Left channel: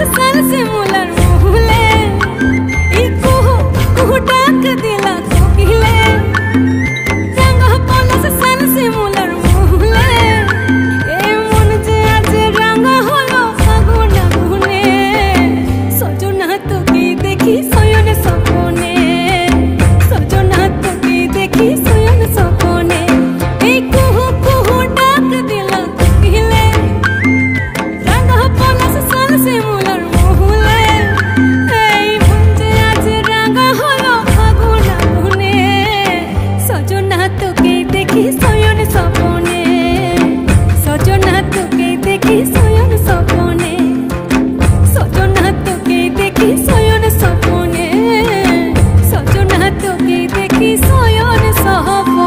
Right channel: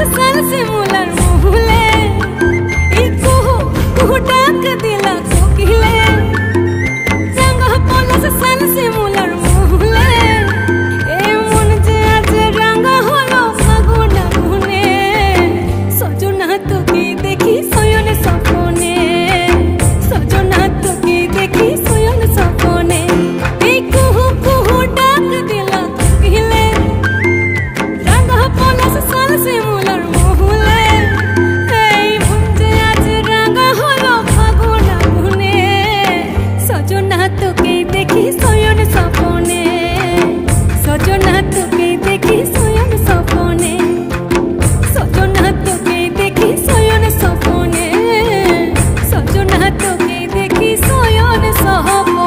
से सन से मुलर मुहले कुहू डाक दिला कोकिले रंग पोला से सन से मुलर मुहले ए मन जे आज रंग हलो फागुन गुने सजना তোকে দেখি শয়ন স্বপ্নে সজনা তোকে দেখি শয়ন স্বপ্নে এই কুহু কুহু ডাক দিলা কোকিলে রঙ পোলা সে সাল সে মুলার মহুলে এই মন যে আজ রঙ হলো ফাগুন গুনে সজনা তোকে দেখি শয়ন স্বপ্নে সজনা তোকে দেখি শয়ন স্বপ্নে সজনা তোকে দেখি শয়ন স্বপ্নে সজনা তোকে দেখি শয়ন স্বপ্নে।